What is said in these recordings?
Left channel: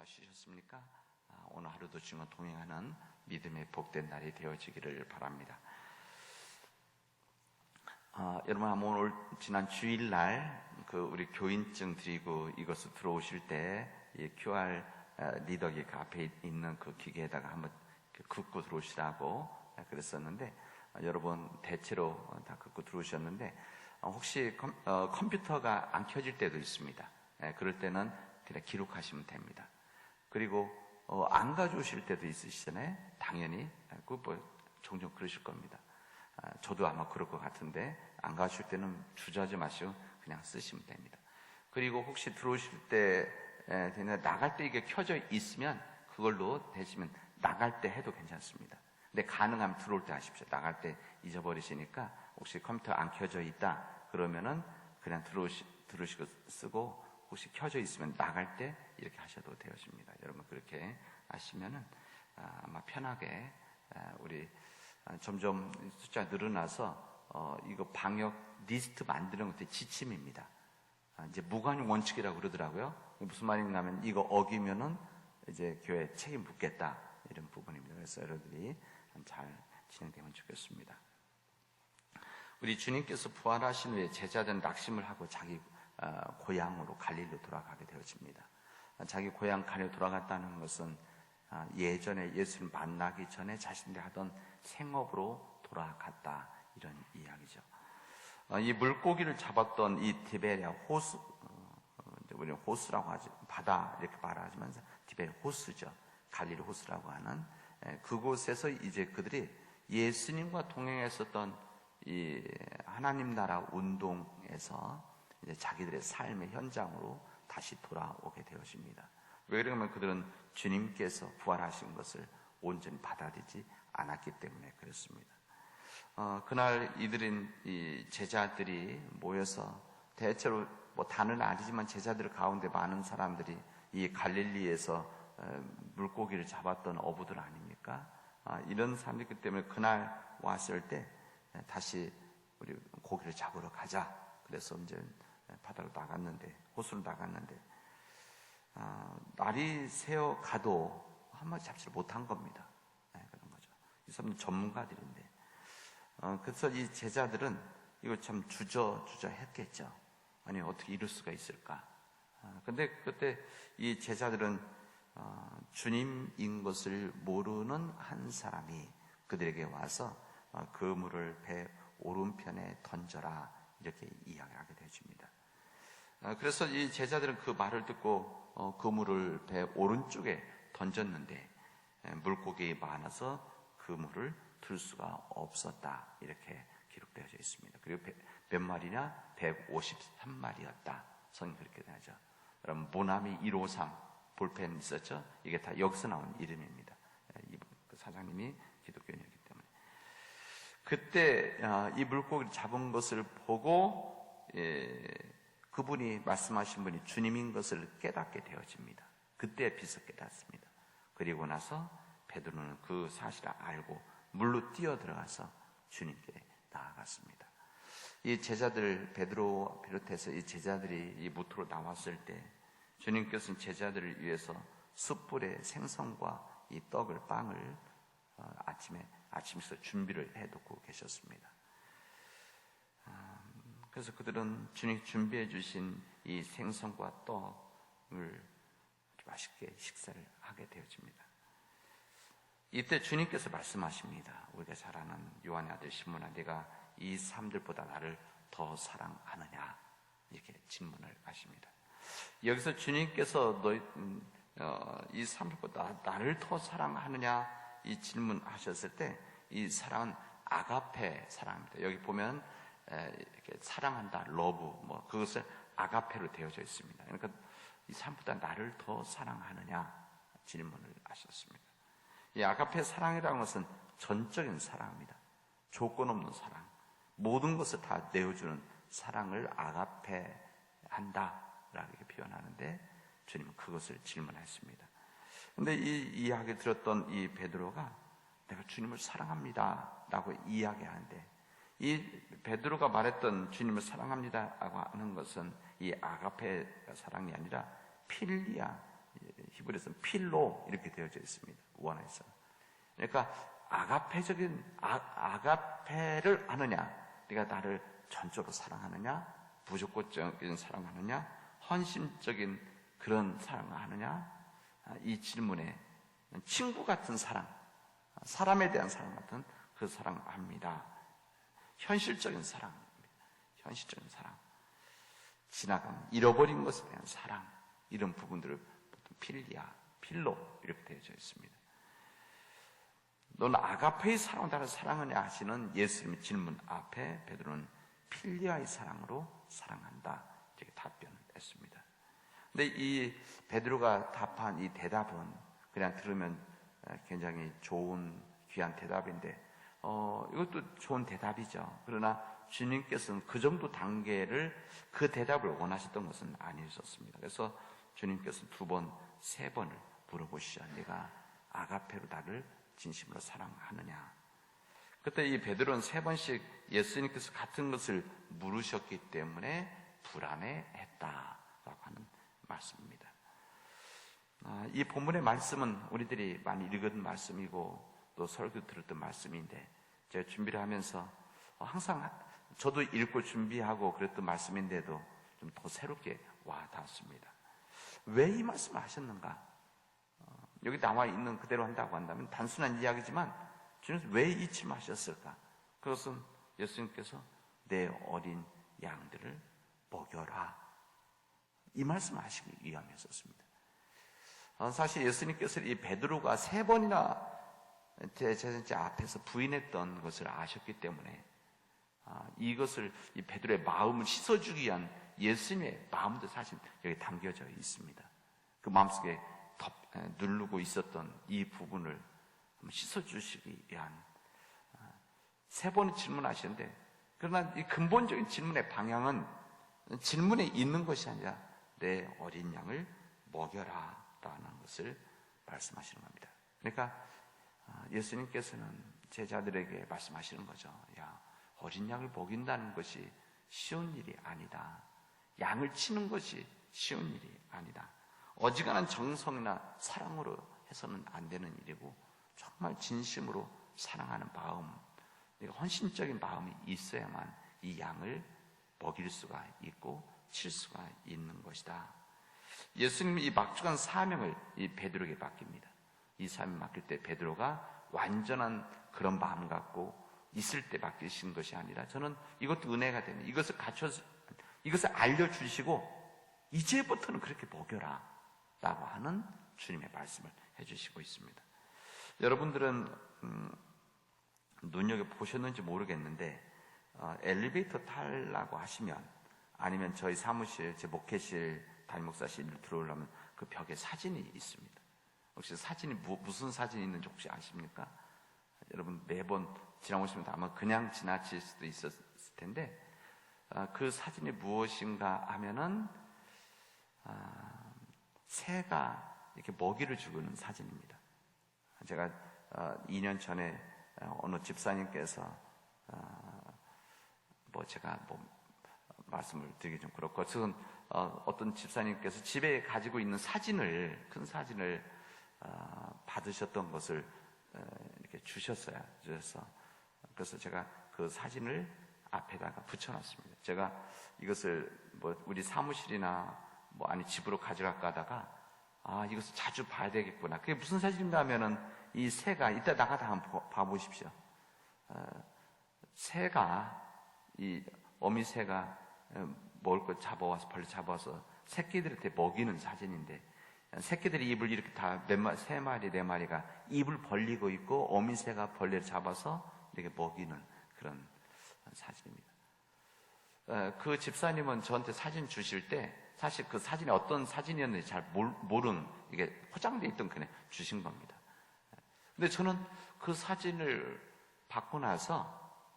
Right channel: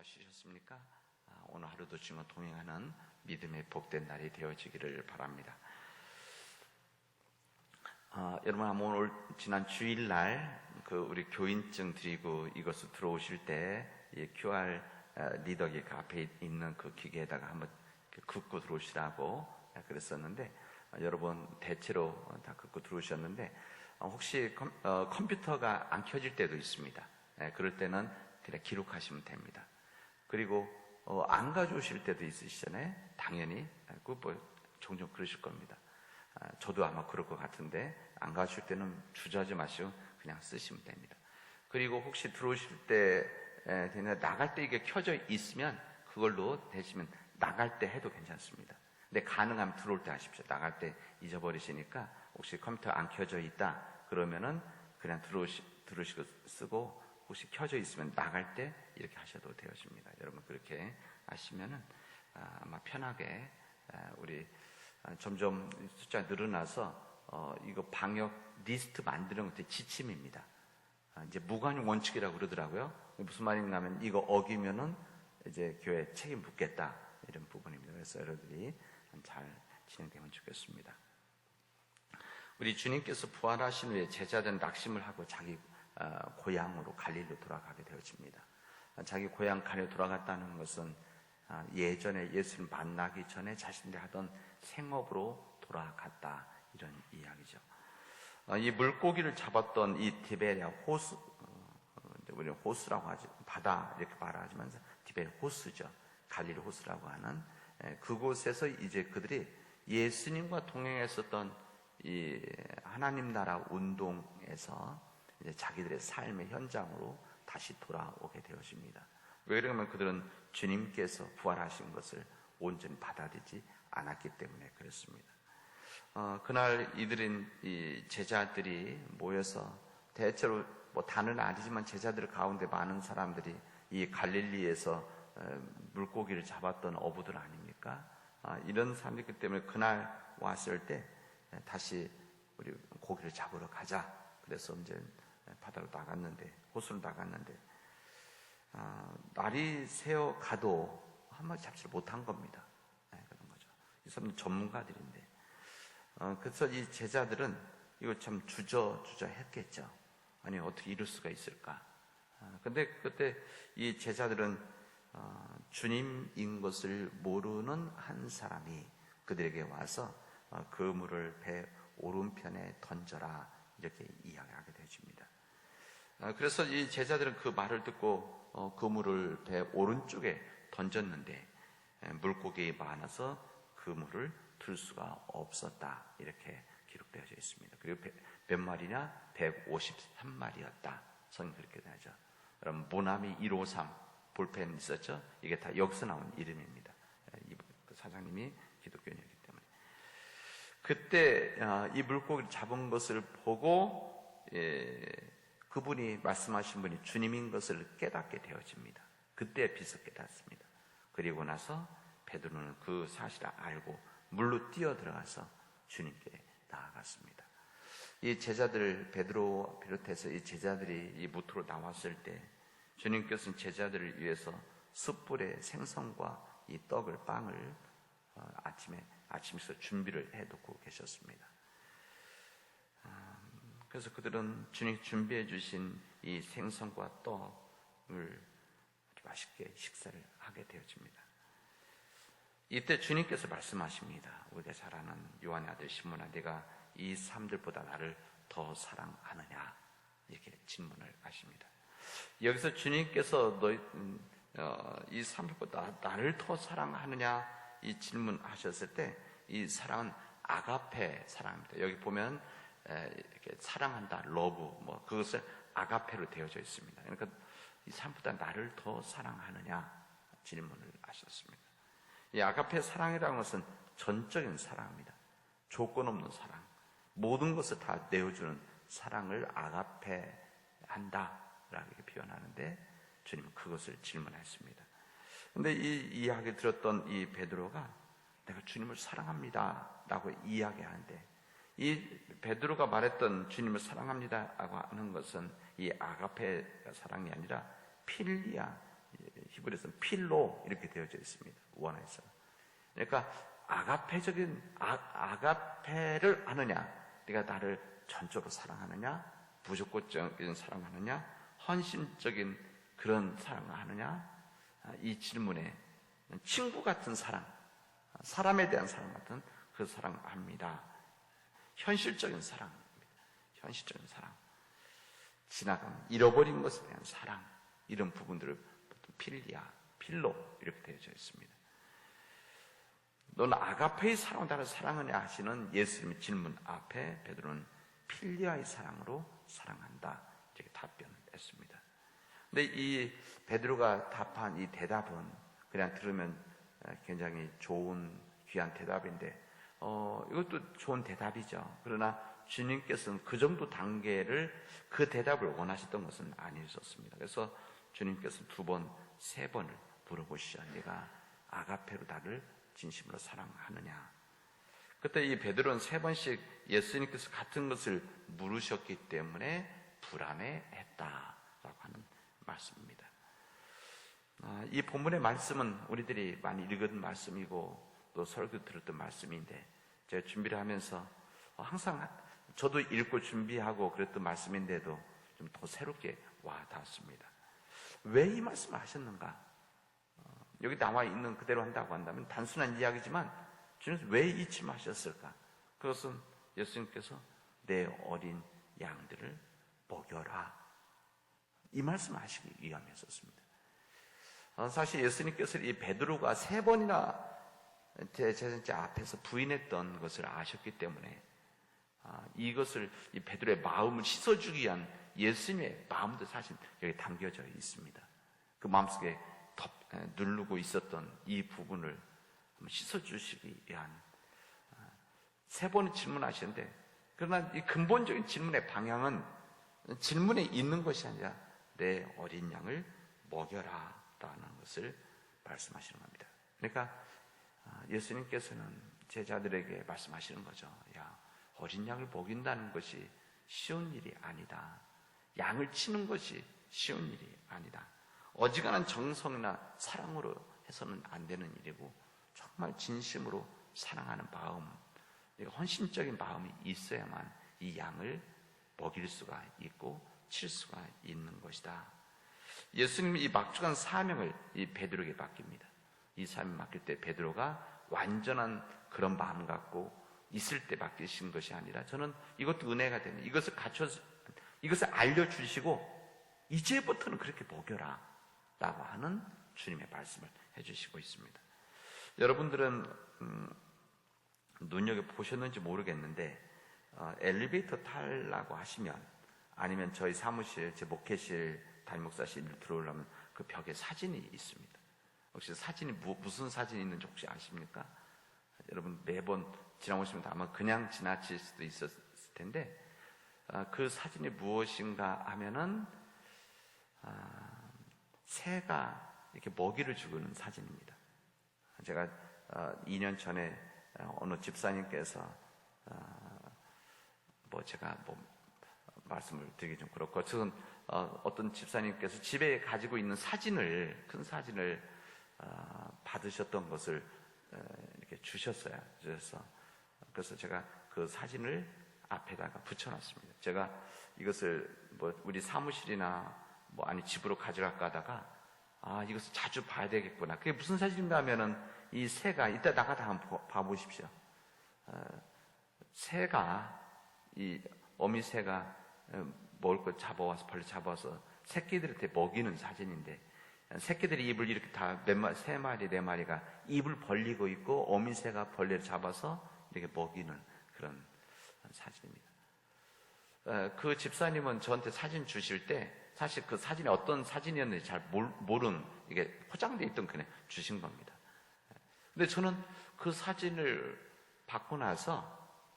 잘 쉬셨습니까? 오늘 하루도 주님과 동행하는 믿음의 복된 날이 되어지기를 바랍니다. 여러분, 오늘 지난 주일날 우리 교인증 드리고 이것을 들어오실 때 이 QR 리더기 앞에 있는 그 기계에다가 한번 긋고 들어오시라고 그랬었는데, 여러분 대체로 다 긋고 들어오셨는데, 혹시 컴퓨터가 안 켜질 때도 있습니다. 그럴 때는 그냥 기록하시면 됩니다. 그리고 안 가져오실 때도 있으시잖아요. 당연히 종종 그러실 겁니다. 저도 아마 그럴 것 같은데, 안 가져올 때는 주저하지 마시고 그냥 쓰시면 됩니다. 그리고 혹시 들어오실 때 나갈 때 이게 켜져 있으면 그걸로 대시면 나갈 때 해도 괜찮습니다. 근데 가능하면 들어올 때 하십시오. 나갈 때 잊어버리시니까 혹시 컴퓨터 안 켜져 있다 그러면은 그냥 들어오시고 쓰고, 혹시 켜져 있으면 나갈 때 이렇게 하셔도 되어집니다. 여러분 그렇게 하시면은 아마 편하게 우리 점점 숫자가 늘어나서 이거 방역 리스트 만드는 것도 지침입니다. 이제 무관 원칙이라고 그러더라고요. 무슨 말이냐면 이거 어기면은 이제 교회 책임 묻겠다 이런 부분입니다. 그래서 여러분들이 잘 진행되면 좋겠습니다. 우리 주님께서 부활하신 후에 제자들은 낙심을 하고 자기 고향으로 갈릴리로 돌아가게 되어집니다. 자기 고향 갈릴리로 돌아갔다는 것은 예전에 예수를 만나기 전에 자신들이 하던 생업으로 돌아갔다 이런 이야기죠. 이 물고기를 잡았던 이 디베리아 호수, 우리는 호수라고 하죠. 바다 이렇게 말하지만 디베리아 호수죠. 갈릴리 호수라고 하는 그곳에서 이제 그들이 예수님과 동행했었던 이 하나님 나라 운동에서 이제 자기들의 삶의 현장으로 다시 돌아오게 되어집니다. 왜냐하면 그들은 주님께서 부활하신 것을 온전히 받아들이지 않았기 때문에 그렇습니다. 그날 이 제자들이 모여서 대체로 다는 아니지만 제자들 가운데 많은 사람들이 이 갈릴리에서 물고기를 잡았던 어부들 아닙니까? 이런 사람이기 때문에 그날 왔을 때 다시 우리 고기를 잡으러 가자. 그래서 이제 바다로 나갔는데, 호수로 나갔는데, 날이 새어 가도 한 마리 잡지를 못한 겁니다. 그런 거죠. 이 사람은 전문가들인데. 그래서 이 제자들은 이걸 참 주저했겠죠. 아니, 어떻게 이럴 수가 있을까? 근데 그때 이 제자들은 주님인 것을 모르는 한 사람이 그들에게 와서 그물을 배 오른편에 던져라 이렇게 이야기하게 되어집니다. 그래서 이 제자들은 그 말을 듣고 그물을 배 오른쪽에 던졌는데 물고기 많아서 그물을 들 수가 없었다 이렇게 기록되어져 있습니다. 그리고 몇 마리냐? 153마리였다. 선 그렇게 되죠. 여러분 모나미 153 볼펜 있었죠? 이게 다 여기서 나온 이름입니다. 그 사장님이 기독교인이기 때문에. 그때 이 물고기를 잡은 것을 보고 그분이 말씀하신 분이 주님인 것을 깨닫게 되어집니다. 그때 비서 깨닫습니다. 그리고 나서 베드로는 그 사실을 알고 물로 뛰어 들어가서 주님께 나아갔습니다. 이 제자들, 베드로 비롯해서 이 제자들이 이 모토로 나왔을 때 주님께서는 제자들을 위해서 숯불에 생선과 이 빵을 아침에서 준비를 해두고 계셨습니다. 그래서 그들은 주님 준비해 주신 이 생선과 떡을 맛있게 식사를 하게 되어집니다. 이때 주님께서 말씀하십니다. 우리가 잘 아는 요한의 아들 시몬아, 네가 이 사람들보다 나를 더 사랑하느냐? 이렇게 질문을 하십니다. 여기서 주님께서 이 사람들보다 나를 더 사랑하느냐? 이 질문하셨을 때 이 사랑은 아가페 사랑입니다. 여기 보면 이렇게 사랑한다, 러브, 그것을 아가페로 되어져 있습니다. 그러니까 이 사람보다 나를 더 사랑하느냐? 질문을 하셨습니다. 이 아가페 사랑이라는 것은 전적인 사랑입니다. 조건 없는 사랑. 모든 것을 다 내어주는 사랑을 아가페 한다라고 이렇게 표현하는데 주님은 그것을 질문했습니다. 근데 이 이야기 들었던 이 베드로가 내가 주님을 사랑합니다 라고 이야기하는데, 이 베드로가 말했던 주님을 사랑합니다 라고 하는 것은 이 아가페 사랑이 아니라 필리아 히브리서는 필로 이렇게 되어져 있습니다. 원어에서. 그러니까 아가페적인 아가페를 아느냐, 네가 나를 전적으로 사랑하느냐, 무조건적인 사랑하느냐, 헌신적인 그런 사랑을 하느냐, 이 질문에 친구 같은 사랑, 사람에 대한 사랑 같은 그 사랑을 합니다. 현실적인 사랑, 현실적인 사랑, 지나간 잃어버린 것에 대한 사랑, 이런 부분들을 필리아, 필로 이렇게 되어져 있습니다. 너는 아가페의 사랑으로 나를 사랑하냐 하시는 예수님의 질문 앞에 베드로는 필리아의 사랑으로 사랑한다 이렇게 답변을 했습니다. 근데 이 베드로가 답한 이 대답은 그냥 들으면 굉장히 좋은 귀한 대답인데 이것도 좋은 대답이죠. 그러나 주님께서는 그 정도 단계를 그 대답을 원하셨던 것은 아니었습니다. 그래서 주님께서 2번, 3번을 물어보시죠. 내가 아가페로 나를 진심으로 사랑하느냐. 그때 이 베드로는 3번씩 예수님께서 같은 것을 물으셨기 때문에 불안해했다라고 하는 말씀입니다. 이 본문의 말씀은 우리들이 많이 읽은 말씀이고 또 설교 들었던 말씀인데 제가 준비를 하면서 항상 저도 읽고 준비하고 그랬던 말씀인데도 좀 더 새롭게 와 닿았습니다. 왜 이 말씀을 하셨는가? 여기 나와 있는 그대로 한다고 한다면 단순한 이야기지만 주님께서 왜 이 말씀하셨을까? 그것은 예수님께서 내 어린 양들을 먹여라. 이 말씀을 하시기 위함이었습니다. 사실 예수님께서 이 베드로가 3번이나 제자들 앞에서 부인했던 것을 아셨기 때문에 이것을 이 베드로의 마음을 씻어주기 위한 예수님의 마음도 사실 여기 담겨져 있습니다. 그 마음속에 누르고 있었던 이 부분을 씻어주시기 위한 3번의 질문하셨는데 그러나 이 근본적인 질문의 방향은 질문에 있는 것이 아니라 내 어린 양을 먹여라 라는 것을 말씀하시는 겁니다. 그러니까 예수님께서는 제자들에게 말씀하시는 거죠. 야, 어린 양을 먹인다는 것이 쉬운 일이 아니다. 양을 치는 것이 쉬운 일이 아니다. 어지간한 정성이나 사랑으로 해서는 안 되는 일이고 정말 진심으로 사랑하는 마음, 헌신적인 마음이 있어야만 이 양을 먹일 수가 있고 칠 수가 있는 것이다. 예수님이 이 막중한 사명을 이 베드로에게 맡깁니다. 이 사명을 맡길 때 베드로가 완전한 그런 마음 갖고 있을 때 맡기신 것이 아니라 저는 이것도 은혜가 되는 이것을 이것을 알려주시고 이제부터는 그렇게 먹여라 라고 하는 주님의 말씀을 해주시고 있습니다. 여러분들은 눈여겨보셨는지 모르겠는데 엘리베이터 타려고 하시면 아니면 저희 사무실, 제 목회실, 담임목사실 들어오려면 그 벽에 사진이 있습니다. 혹시 사진이 무슨 사진이 있는지 혹시 아십니까? 여러분 매번 지나오시면 아마 그냥 지나칠 수도 있었을 텐데 그 사진이 무엇인가 하면은 새가 이렇게 먹이를 주는 사진입니다. 제가 2년 전에 어느 집사님께서 제가 말씀을 드리기 좀 그렇고 저는 어떤 집사님께서 집에 가지고 있는 사진을 큰 사진을 받으셨던 것을 이렇게 주셨어요. 그래서 제가 그 사진을 앞에다가 붙여놨습니다. 제가 이것을 우리 사무실이나 아니 집으로 가져갈까 하다가 이것을 자주 봐야 되겠구나. 그게 무슨 사진인가 하면은 이 새가 이따 나가다 한번 봐보십시오. 새가 이 어미새가 먹을 걸 잡아와서 벌레 잡아서 새끼들한테 먹이는 사진인데 새끼들이 입을 이렇게 다 3마리, 4마리가 입을 벌리고 있고 어미새가 벌레를 잡아서 이렇게 먹이는 그런 사진입니다. 그 집사님은 저한테 사진 주실 때 사실 그 사진이 어떤 사진이었는지 잘 모르는 이게 포장되어 있던 그냥 주신 겁니다. 근데 저는 그 사진을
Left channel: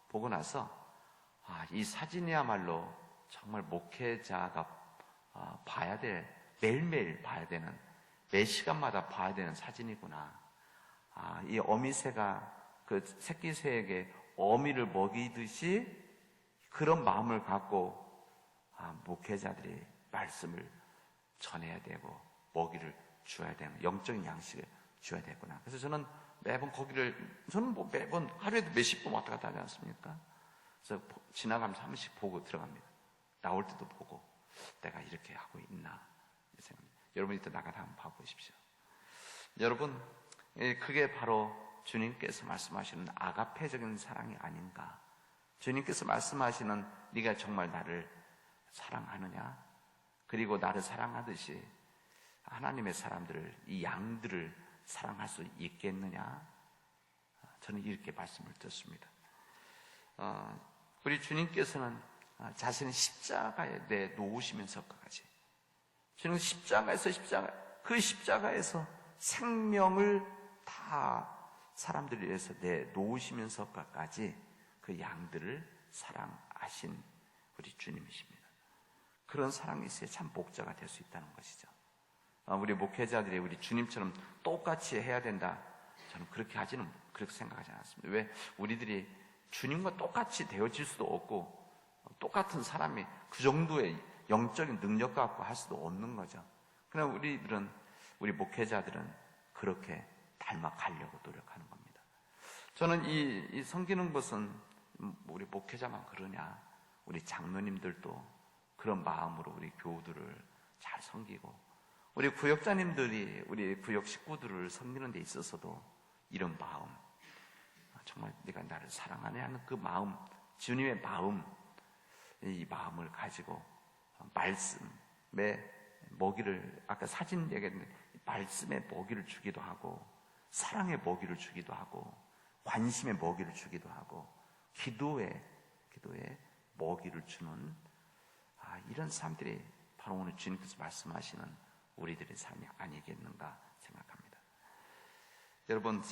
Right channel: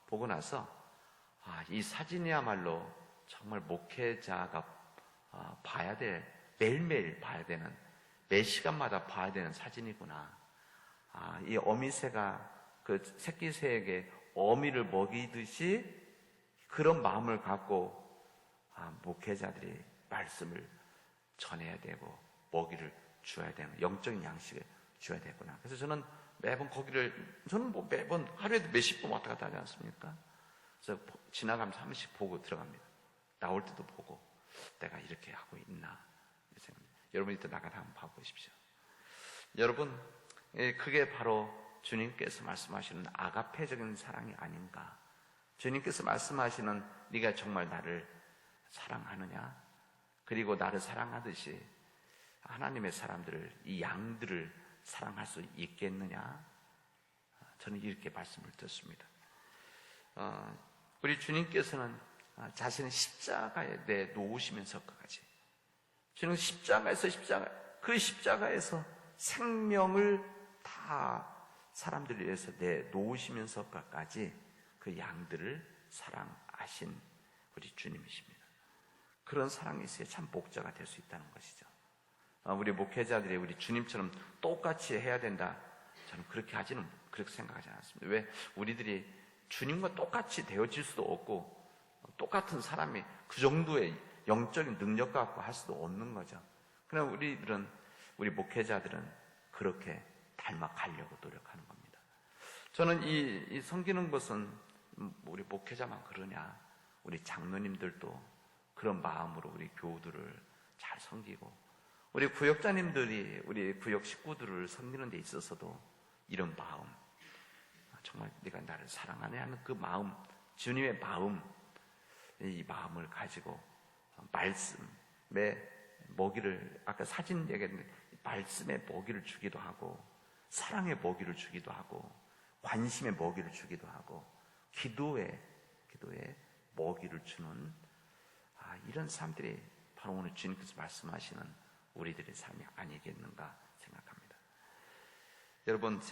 보고 나서 이 사진이야말로 정말 목회자가 봐야 될, 매일매일 봐야 되는, 매 시간마다 봐야 되는 사진이구나. 이 어미새가 그 새끼새에게 어미를 먹이듯이 그런 마음을 갖고 목회자들이 말씀을 전해야 되고 먹이를 주어야 되는, 영적인 양식을 주어야 되구나. 그래서 저는 매번 저는 뭐 매번 하루에도 몇십 분 왔다 갔다 하지 않습니까? 그래서 지나가면서 한 번씩 보고 들어갑니다. 나올 때도 보고, 내가 이렇게 하고 있나. 여러분이 또 나가서 한번 봐보십시오. 여러분, 그게 바로 주님께서 말씀하시는 아가페적인 사랑이 아닌가. 주님께서 말씀하시는 네가 정말 나를 사랑하느냐, 그리고 나를 사랑하듯이 하나님의 사람들을, 이 양들을 사랑할 수 있겠느냐. 저는 이렇게 말씀을 듣습니다. 우리 주님께서는 자신의 십자가에 내놓으시면서까지, 주는 그 십자가에서 생명을 다 사람들을 위해서 내놓으시면서까지 그 양들을 사랑하신 우리 주님이십니다. 그런 사랑이 있어야 참 목자가 될 수 있다는 것이죠. 우리 목회자들이 우리 주님처럼 똑같이 해야 된다, 저는 그렇게 생각하지 않습니다. 왜? 우리들이 주님과 똑같이 되어질 수도 없고, 똑같은 사람이 그 정도의 영적인 능력 갖고 할 수도 없는 거죠. 그러나 우리 목회자들은 그렇게 닮아가려고 노력하는 겁니다. 저는 이 섬기는 것은 우리 목회자만 그러냐, 우리 장로님들도 그런 마음으로 우리 교우들을 잘 섬기고, 우리 구역자님들이 우리 구역 식구들을 섬기는 데 있어서도 이런 마음, 정말 네가 나를 사랑하네 하는 그 마음, 주님의 마음, 이 마음을 가지고 말씀의 먹이를, 아까 사진 얘기했는데 말씀의 먹이를 주기도 하고, 사랑의 먹이를 주기도 하고, 관심의 먹이를 주기도 하고, 기도의 먹이를 주는 이런 사람들이 바로 오늘 주님께서 말씀하시는 우리들의 삶이 아니겠는가 생각합니다. 여러분,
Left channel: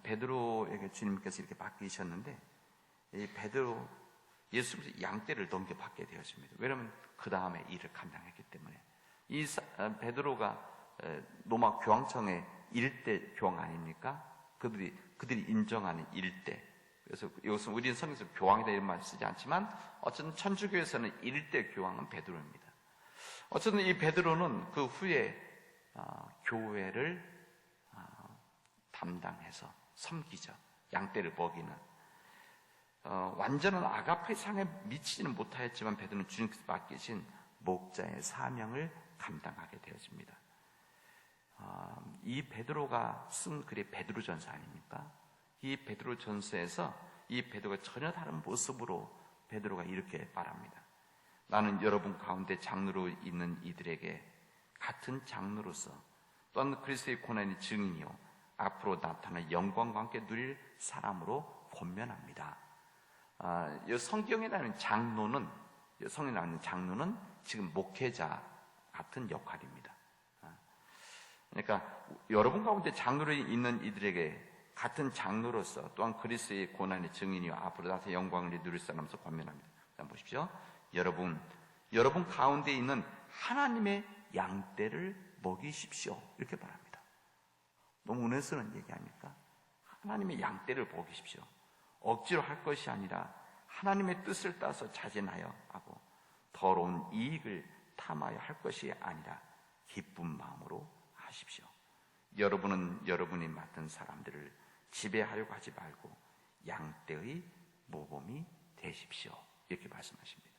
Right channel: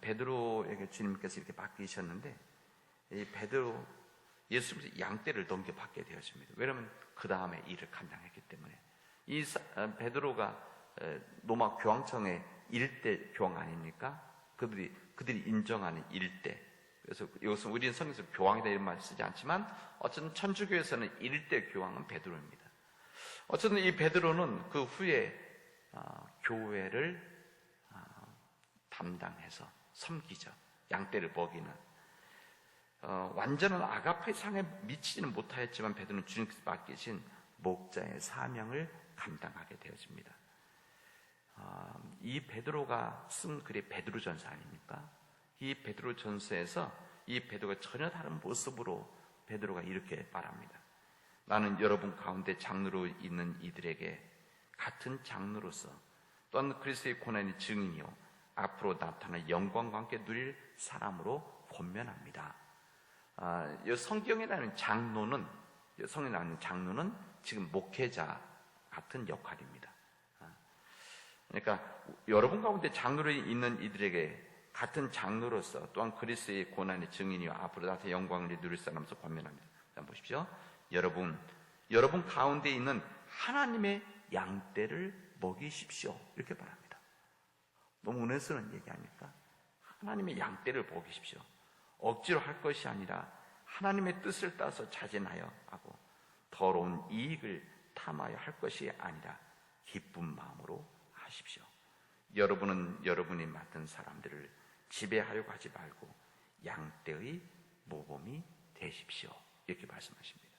베드로에게 주님께서 이렇게 맡기셨는데, 이 베드로, 예수님께서 양떼를 넘겨받게 되었습니다. 왜냐하면 그 다음에 일을 감당했기 때문에. 이 베드로가 로마 교황청의 일대 교황 아닙니까? 그들이 인정하는 일대. 그래서 여기서 우리는 성경에서 교황이라 이런 말 쓰지 않지만 어쨌든 천주교에서는 일대 교황은 베드로입니다. 어쨌든 이 베드로는 그 후에 교회를 담당해서 섬기죠. 양떼를 먹이는. 완전한 아가페의 상에 미치지는 못하였지만 베드로는 주님께서 맡기신 목자의 사명을 감당하게 되어집니다. 이 베드로가 쓴 글이 베드로전서 아닙니까? 이 베드로전서에서 이 베드로가 전혀 다른 모습으로 베드로가 이렇게 말합니다. 나는 여러분 가운데 장로로 있는 이들에게 같은 장로로서 또한 그리스도의 고난의 증인이요 앞으로 나타날 영광과 함께 누릴 사람으로 권면합니다. 이 성경에 나오는 장로는 지금 목회자 같은 역할입니다. 그러니까 여러분 가운데 장로로 있는 이들에게 같은 장로로서 또한 그리스도의 고난의 증인이요 앞으로 나타날 영광을 누릴 사람으로서 권면합니다. 자, 보십시오. 여러분 가운데 있는 하나님의 양떼를 먹이십시오. 이렇게 말합니다. 너무 은혜스러운 얘기 아닙니까? 하나님의 양떼를 먹이십시오. 억지로 할 것이 아니라 하나님의 뜻을 따서 자진하여 하고 더러운 이익을 탐하여 할 것이 아니라 기쁜 마음으로 하십시오. 여러분은 여러분이 맡은 사람들을 지배하려고 하지 말고 양떼의 모범이 되십시오. 이렇게 말씀하십니다.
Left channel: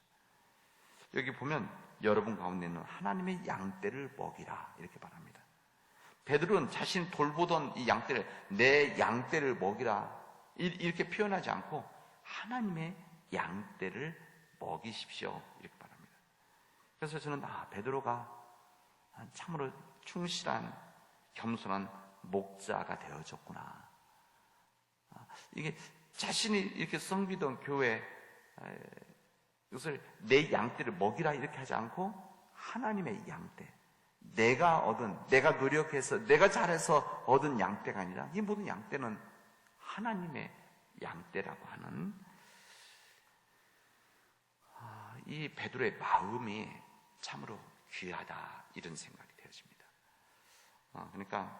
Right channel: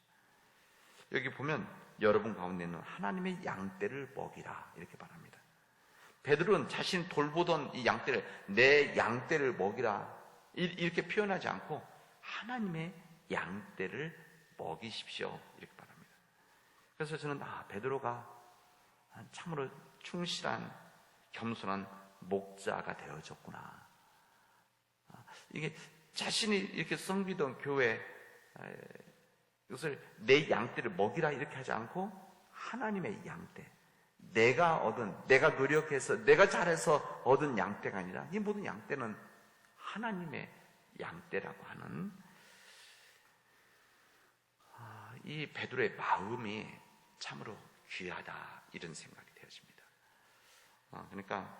여기 보면 여러분 가운데는 하나님의 양떼를 먹이라 이렇게 말합니다. 베드로는 자신 돌보던 이 양떼를 내 양떼를 먹이라 이렇게 표현하지 않고 하나님의 양떼를 먹이십시오 이렇게 말합니다. 그래서 저는 베드로가 참으로 충실한 겸손한 목자가 되어졌구나. 이게 자신이 이렇게 섬기던 교회 이것을 내 양떼를 먹이라 이렇게 하지 않고 하나님의 양떼, 내가 노력해서 내가 잘해서 얻은 양떼가 아니라 이 모든 양떼는 하나님의 양떼라고 하는 이 베드로의 마음이 참으로 귀하다 이런 생각이 되어집니다. 그러니까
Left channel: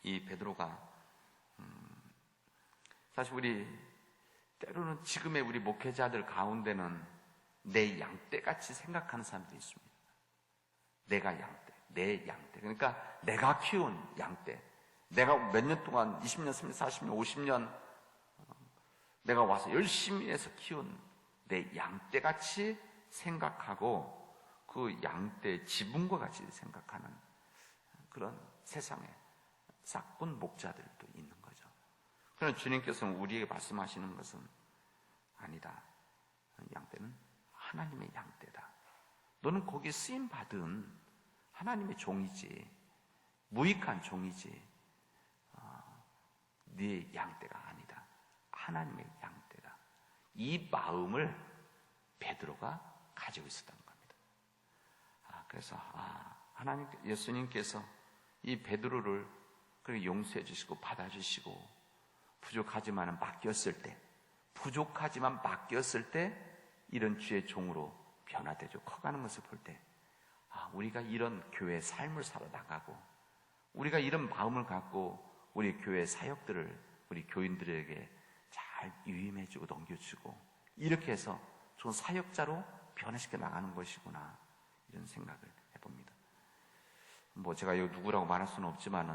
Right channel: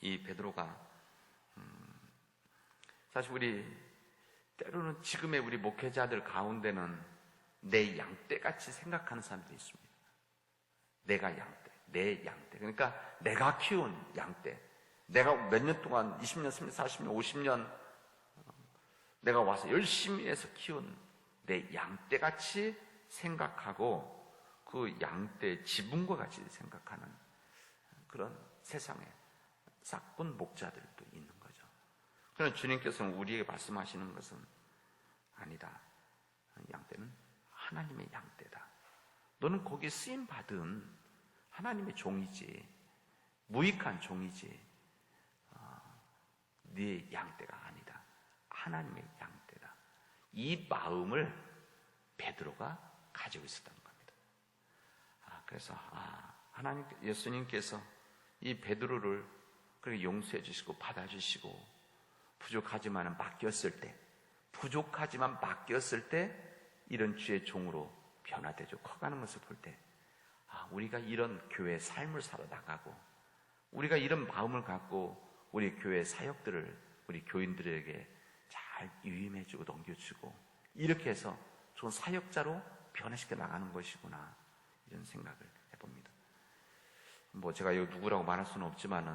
이 베드로가 사실 우리 때로는 지금의 우리 목회자들 가운데는 내 양떼같이 생각하는 사람들이 있습니다. 내가 양떼. 내 양떼. 그러니까 내가 키운 양떼. 내가 몇 년 동안 20년, 30년, 40년, 50년 내가 와서 열심히 해서 키운 내 양떼같이 생각하고 그 양떼 지분과 같이 생각하는 그런 세상에 싹돈 목자들도 있는 거죠. 그러나 주님께서는 우리에게 말씀하시는 것은 아니다. 양떼는 하나님의 양떼다. 너는 거기에 쓰임받은 하나님의 종이지, 무익한 종이지, 네 양떼가 아니다. 하나님의 양떼다. 이 마음을 베드로가 가지고 있었던 겁니다. 그래서 하나님, 예수님께서 이 베드로를 그렇게 용서해 주시고 받아주시고 부족하지만 맡겼을 때 이런 주의 종으로 변화되죠. 커가는 것을 볼 때 우리가 이런 교회 삶을 살아나가고 우리가 이런 마음을 갖고 우리 교회 사역들을 우리 교인들에게 잘 유임해주고 넘겨주고 이렇게 해서 좋은 사역자로 변화시켜 나가는 것이구나 이런 생각을 해봅니다. 제가 여기 누구라고 말할 수는 없지만은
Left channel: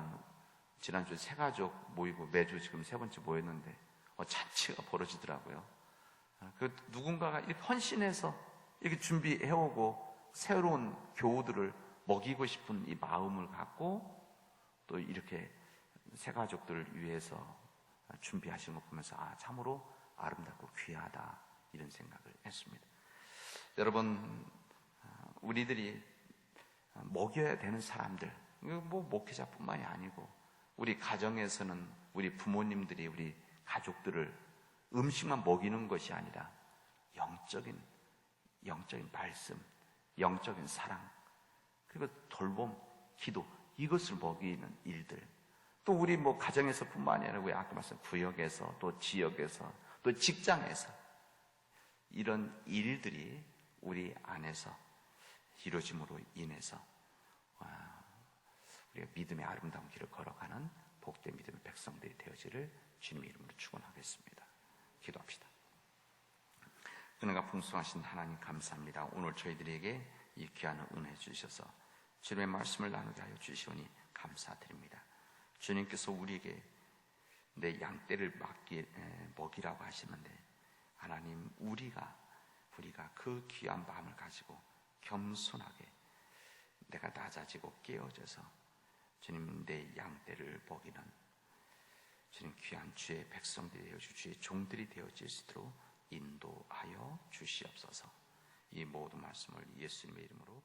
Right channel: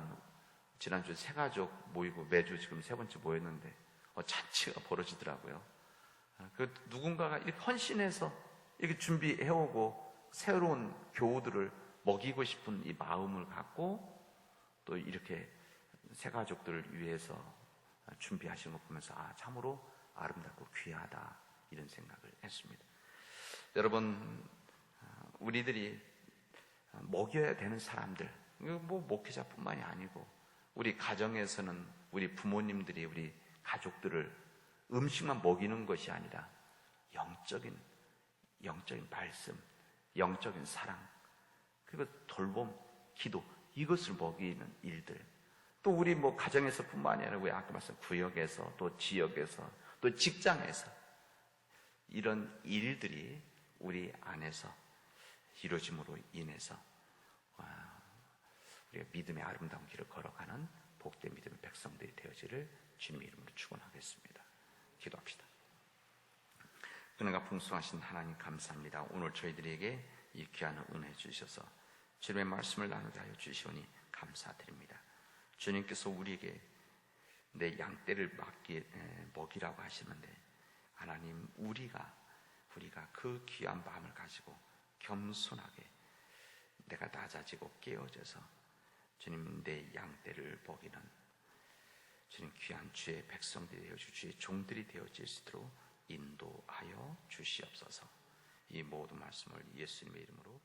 지난주 새 가족 모이고 매주 지금 세 번째 모였는데 잔치가 벌어지더라고요. 그 누군가가 이렇게 헌신해서 이렇게 준비해오고 새로운 교우들을 먹이고 싶은 이 마음을 갖고 또 이렇게 새 가족들을 위해서 준비하신 거 보면서 참으로 아름답고 귀하다 이런 생각을 했습니다. 여러분, 우리들이 먹여야 되는 사람들, 목회자뿐만이 아니고 우리 가정에서는 우리 부모님들이 우리 가족들을 음식만 먹이는 것이 아니라 영적인 말씀, 영적인 사랑, 그리고 돌봄, 기도 이것을 먹이는 일들. 또 우리 가정에서뿐만이 아니라 아까 말씀 구역에서 또 지역에서 또 직장에서 이런 일들이 우리 안에서 이루어짐으로 인해서 우리가 믿음의 아름다운 길을 걸어가는 복된 믿음의 백성들이 되어지를 주님의 이름으로 축원하겠습니다. 기도합시다. 은혜가 풍성하신 하나님 감사합니다. 오늘 저희들에게 이 귀한 은혜 주셔서 주님의 말씀을 나누게 하여 주시오니 감사드립니다. 주님께서 우리에게 내 양떼를 먹이라고 하시는데 하나님 우리가 그 귀한 마음을 가지고 겸손하게 내가 낮아지고 깨어져서 주님 내 양떼를 먹이는 주님 귀한 주의 백성들이 되어 주의 종들이 되어질 수 있도록 인도하여 주시옵소서. 이 모든 말씀을 예수님의 이름으로